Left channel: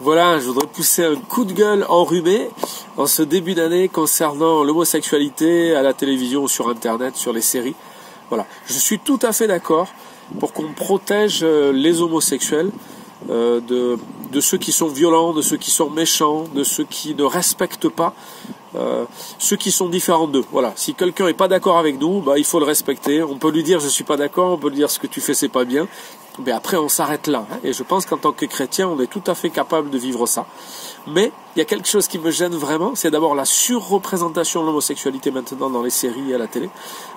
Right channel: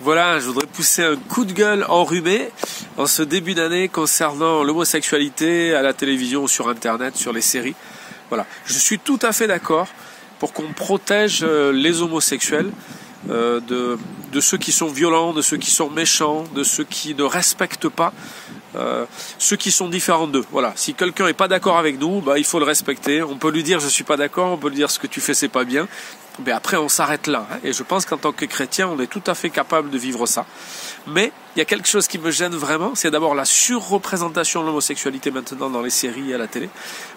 Voilà, je voudrais pousser un coup de gueule enrhumé en ce début d'année concernant l'homosexualité à la télévision, sur Internet, sur les séries. Voilà, je suis tout à fait d'accord pour qu'on protège les homosexuels de ceux qui sont violents, de ceux qui sont méchants, de ceux qui ne respectent pas ceux qui sont différents d'eux. Voilà, si quelqu'un n'est pas d'accord avec nous, bah, il faut le respecter. On peut lui dire je suis pas d'accord, on peut lui dire ce que tu fais c'est pas bien. Mais après on s'arrête là. Et je pense qu'en tant que chrétien, on est tout à fait capable de vivre ça. Mais il y a quelque chose qui me gêne vraiment, c'est d'abord la surreprésentation de l'homosexualité maintenant dans les séries et à la télé.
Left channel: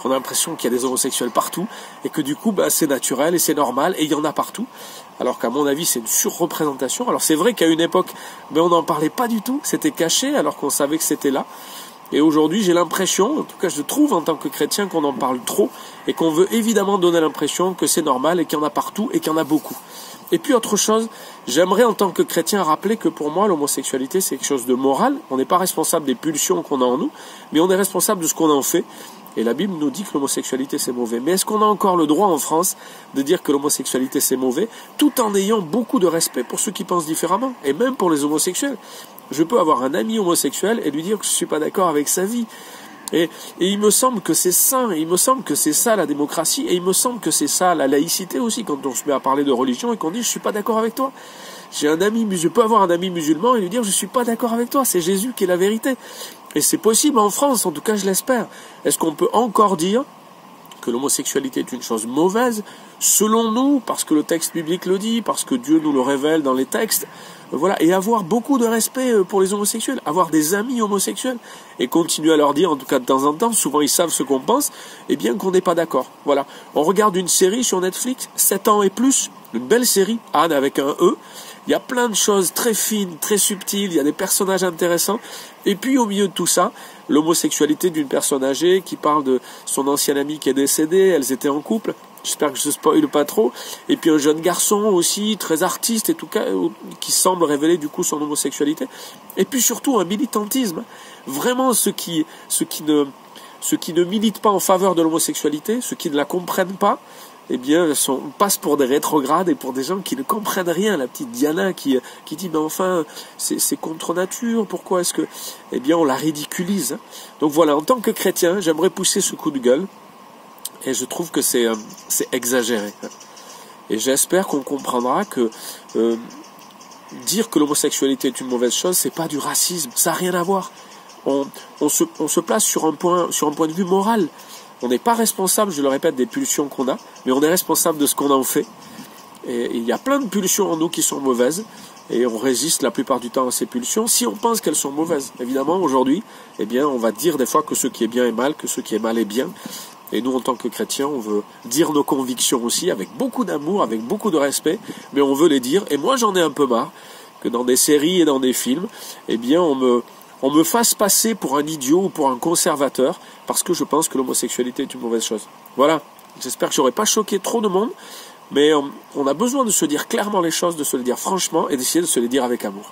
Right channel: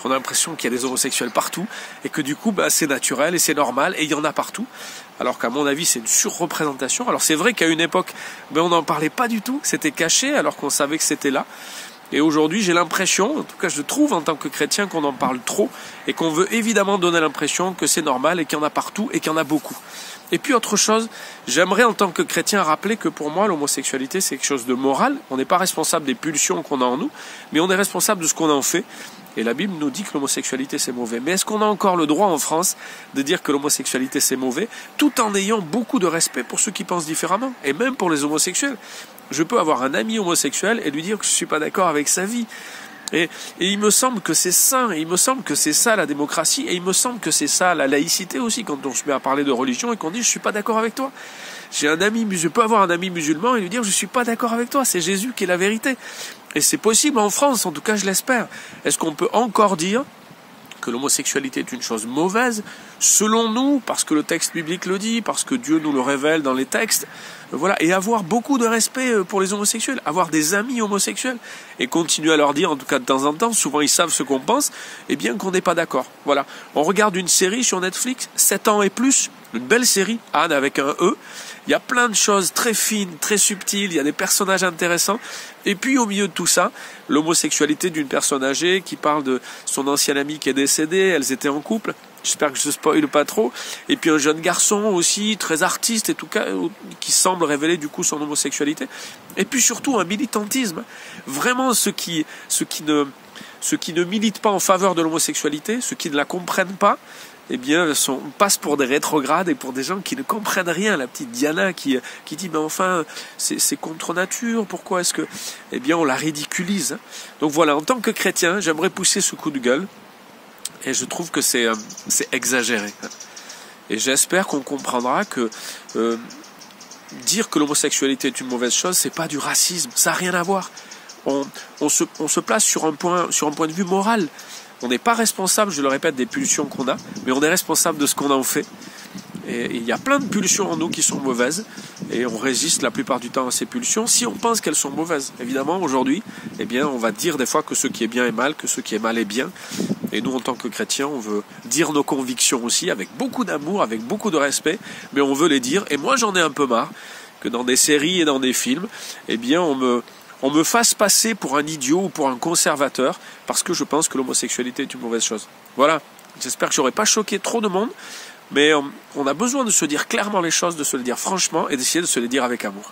On a l'impression qu'il y a des homosexuels partout et que du coup bah, c'est naturel et c'est normal et il y en a partout. Alors qu'à mon avis c'est une surreprésentation. Alors c'est vrai qu'à une époque ben, on n'en parlait pas du tout, c'était caché alors qu'on savait que c'était là. Et aujourd'hui j'ai l'impression, en tout cas je trouve en tant que chrétien qu'on en parle trop et qu'on veut évidemment donner l'impression que c'est normal et qu'il y en a partout et qu'il y en a beaucoup. Et puis autre chose, j'aimerais en tant que chrétien rappeler que pour moi l'homosexualité c'est quelque chose de moral. On n'est pas responsable des pulsions qu'on a en nous, mais on est responsable de ce qu'on en fait. Et la Bible nous dit que l'homosexualité c'est mauvais. Mais est-ce qu'on a encore le droit en France de dire que l'homosexualité c'est mauvais, tout en ayant beaucoup de respect pour ceux qui pensent différemment, et même pour les homosexuels? Je peux avoir un ami homosexuel et lui dire que je suis pas d'accord avec sa vie. Et il me semble que c'est sain, et il me semble que c'est ça la démocratie, et il me semble que c'est ça la laïcité aussi, quand on se met à parler de religion et qu'on dit je suis pas d'accord avec toi. Je peux avoir un ami musulman et lui dire je suis pas d'accord avec toi, c'est Jésus qui est la vérité. Et c'est possible en France, en tout cas je l'espère. Est-ce qu'on peut encore dire que l'homosexualité est une chose mauvaise, selon nous, parce que le texte biblique le dit, parce que Dieu nous le révèle dans les textes, voilà, et avoir beaucoup de respect pour les homosexuels, avoir des amis homosexuels, et continuer à leur dire, en tout cas de temps en temps, souvent ils savent ce qu'on pense, et bien qu'on n'est pas d'accord. Voilà. On regarde une série sur Netflix, 7 ans et plus, une belle série, Anne avec un E, il y a plein de choses très fines, très subtiles, il y a des personnages intéressants, et puis au milieu de tout ça, l'homosexualité d'une personne âgée qui parle de son ancienne amie qui est décédée, elles étaient en couple, j'espère que je ne spoile pas trop, et puis un jeune garçon aussi, très artiste et tout cas, qui semble révéler du coup son homosexualité, et puis surtout un militantisme, vraiment ceux qui ne militent pas en faveur de l'homosexualité, ceux qui ne la comprennent pas, eh bien, passe pour des rétrogrades et pour des gens qui ne comprennent rien. La petite Diana qui dit, mais enfin, c'est contre nature, pourquoi est-ce que... Eh bien, on la ridiculise. Donc voilà, en tant que chrétien, j'aimerais pousser ce coup de gueule, et je trouve que c'est exagéré. Et j'espère qu'on comprendra que dire que l'homosexualité est une mauvaise chose, c'est pas du racisme, ça n'a rien à voir. On se place sur un point de vue moral. On n'est pas responsable, je le répète, des pulsions qu'on a, mais on est responsable de ce qu'on en fait. Et il y a plein de pulsions en nous qui sont mauvaises, et on résiste la plupart du temps à ces pulsions si on pense qu'elles sont mauvaises. Évidemment, aujourd'hui, eh bien, on va dire des fois que ce qui est bien est mal, que ce qui est mal est bien. Et nous, en tant que chrétiens, on veut dire nos convictions aussi, avec beaucoup d'amour, avec beaucoup de respect, mais on veut les dire. Et moi, j'en ai un peu marre que dans des séries et dans des films, eh bien, on me fasse passer pour un idiot ou pour un conservateur parce que je pense que l'homosexualité est une mauvaise chose. Voilà, j'espère que j'aurai pas choqué trop de monde, mais on a besoin de se dire clairement les choses, de se le dire franchement et d'essayer de se les dire avec amour.